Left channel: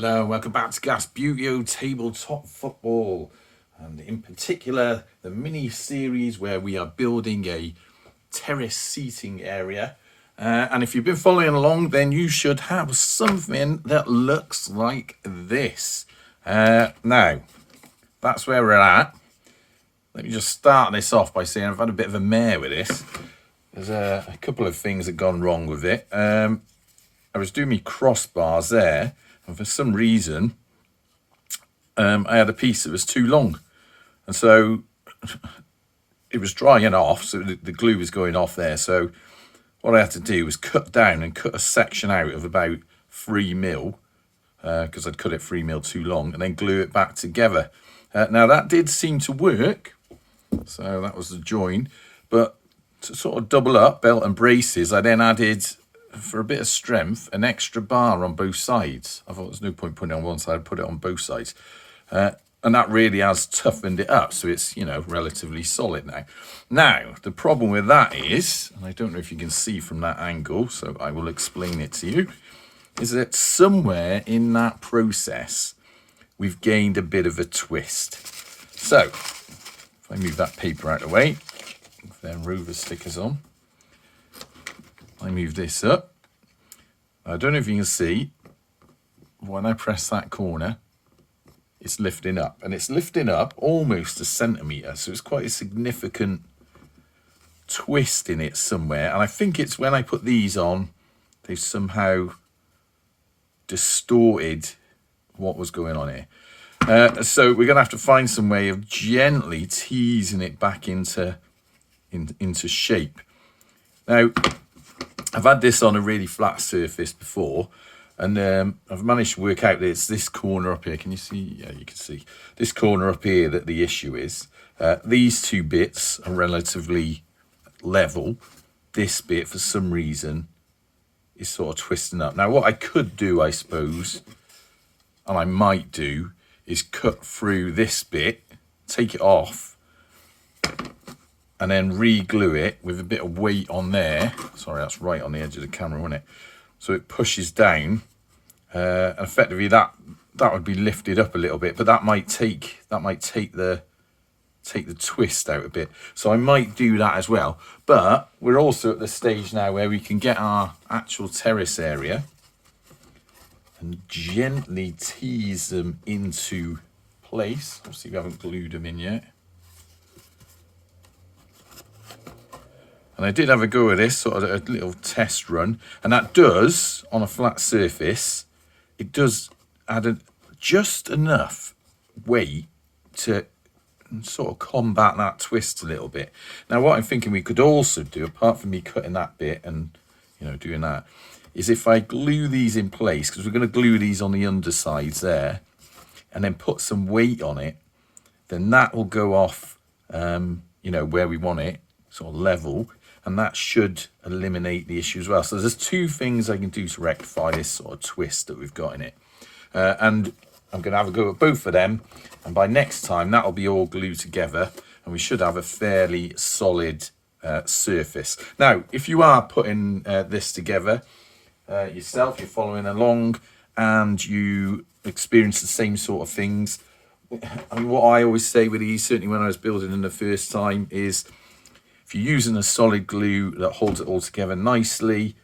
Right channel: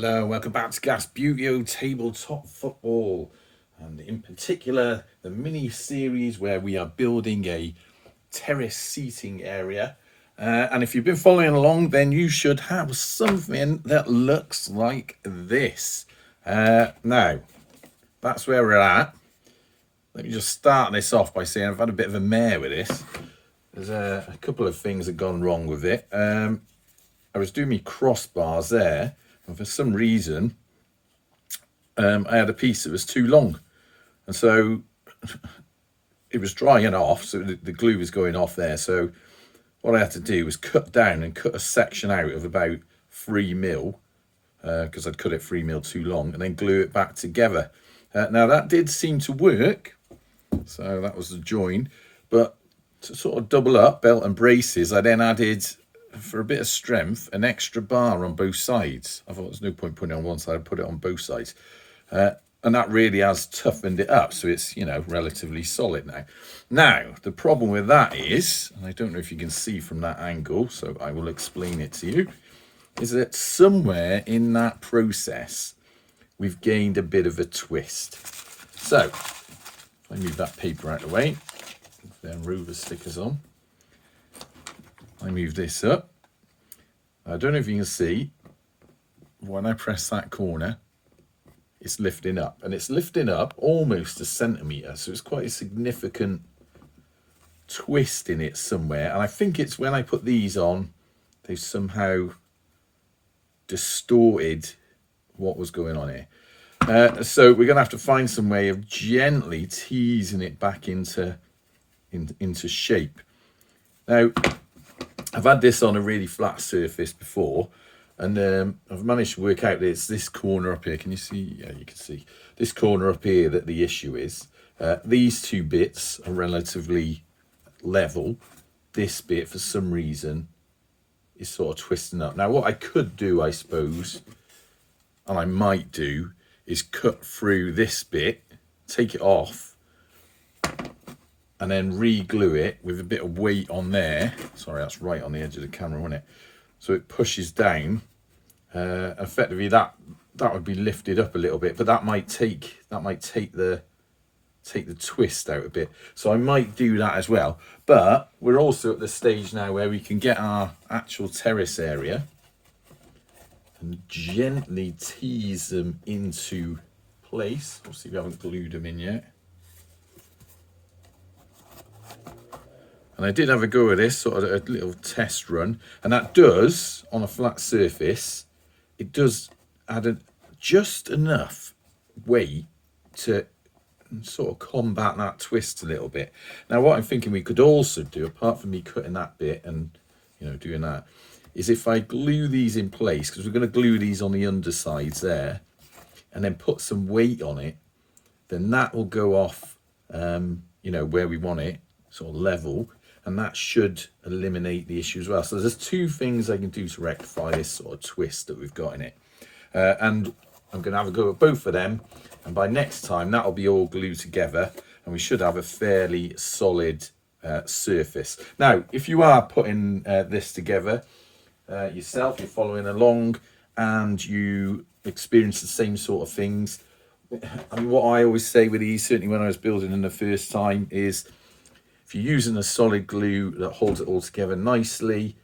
Hello, welcome back to Gas Buteo Tabletop Football, and in particular the mini series where we are building a terrace seating area. And if you've been following along, then you should have something that looks like this. Now, that's where we're at. Let me just start this off by saying I've had a bit of a mare with this. There's a couple of things that have gone wrong with it. I was doing my crossbars there, and for some reason, I had a piece that was too long. And so it was drying off, so the glue was going off there. So what I had to do was cut down and cut a section out of about 3mm, because I'd cut it 3mm too long, and then glue it back together. Now that did seem to work, so that was the join. But to sort of double up belt and braces, I then added, for a bit of strength, an extra bar on both sides. I thought there's no point putting it on one side, I'd put it on both sides. And that really has toughened it up, so it's, relatively solid now. Now, the problem with that is, and I don't know if you can see from that angle, so I will explain it to you, is that somewhere in that process, we've gained a bit of a twist. So, if I move that paper out of the way, then Rover stickers on. I move this up. I don't know if you can see, when I press that corner, it's lifting up. And it's lifting up almost a centimetre, so it's quite a significant twist in it somewhere. And I think it's when I put these on, they've somehow distorted what was going on here. So we're going to have to find some way of gently teasing it back into shape. Now, I've had this on a really flat surface before, and I've managed to work out that it's this corner up here. Can you see? Yeah, you can see. This corner up here that the issue is. These two bits are relatively level. This bit, for some reason, is sort of twisting up. Now, what I could do, I suppose, and I might do, is cut through this bit, take it off, and then re-glue it with a bit of weight on there. Sorry, that's right on the edge of the camera, wasn't it? So it pushes down. Effectively, that would be lifted up a little bit, but that might take the twist out a bit. So I might do that as well. But we're also at the stage now where we can get our actual terrace area and gently tease them into place. Obviously, we haven't glued them in yet. And I did have a go at this, sort of a little test run. And that does, on a flat surface, it does add just enough weight to sort of combat that twist a little bit. Now, what I'm thinking we could also do, apart from me cutting that bit and, doing that, is if I glue these in place, because we're going to glue these on the undersides there, and then put some weight on it, then that will go off, where we want it, sort of level, and that should eliminate the issue as well. So there's two things I can do to rectify this sort of twist that we've got in it. And I'm going to have a go at both of them, and by next time that'll be all glued together, and we should have a fairly solid surface. Now, if you are putting this together yourself, you're following along, and you experience the same sort of things, I mean, what I always say with these, certainly when I was building them the first time, is if you're using a solid glue that holds it all together nicely,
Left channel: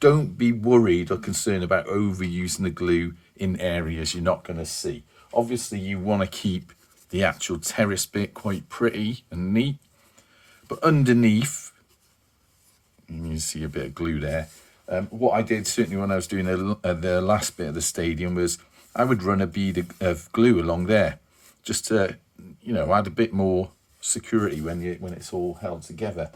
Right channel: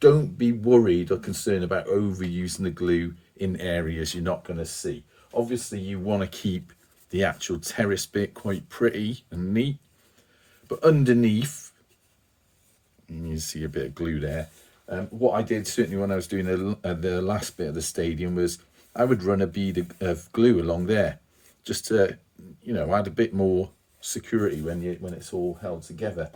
don't be worried or concerned about overusing the glue in areas you're not going to see. Obviously, you want to keep the actual terrace bit quite pretty and neat, but underneath, you can see a bit of glue there. What I did, certainly when I was doing the last bit of the stadium, was I would run a bead of glue along there, just to, add a bit more security when it's all held together.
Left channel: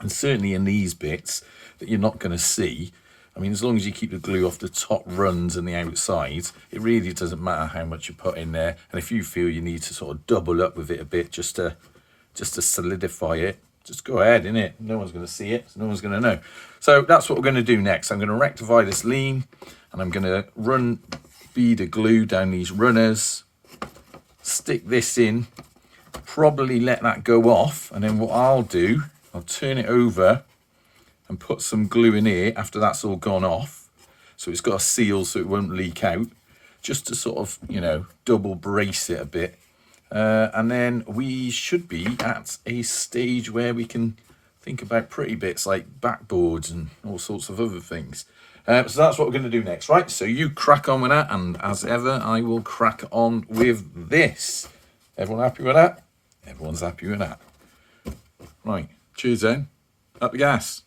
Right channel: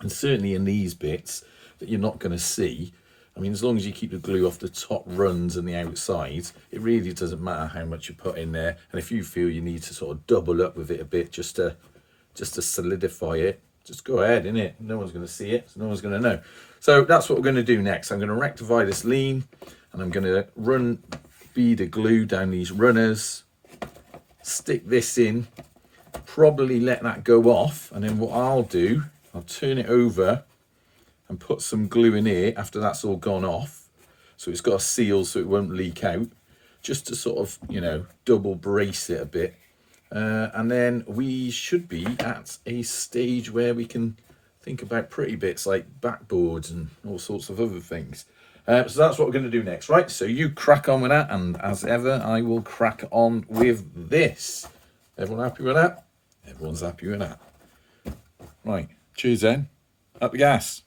And certainly in these bits that you're not going to see, I mean, as long as you keep the glue off the top runs and the outsides, it really doesn't matter how much you put in there. And if you feel you need to sort of double up with it a bit just to solidify it, just go ahead, innit? No one's going to see it, so no one's going to know. So that's what we're going to do next. I'm going to rectify this lean, and I'm going to run bead of glue down these runners, stick this in, probably let that go off, and then what I'll do, I'll turn it over and put some glue in here after that's all gone off, so it's got a seal so it won't leak out. just to sort of, you know, double brace it a bit. And then we should be at a stage where we can think about pretty bits like backboards and all sorts of other things. So that's what we're going to do next, right? So you crack on with that, and as ever, I will crack on with this. Everyone happy with that? Everyone's happy with that. Right, cheers then. Up the gas.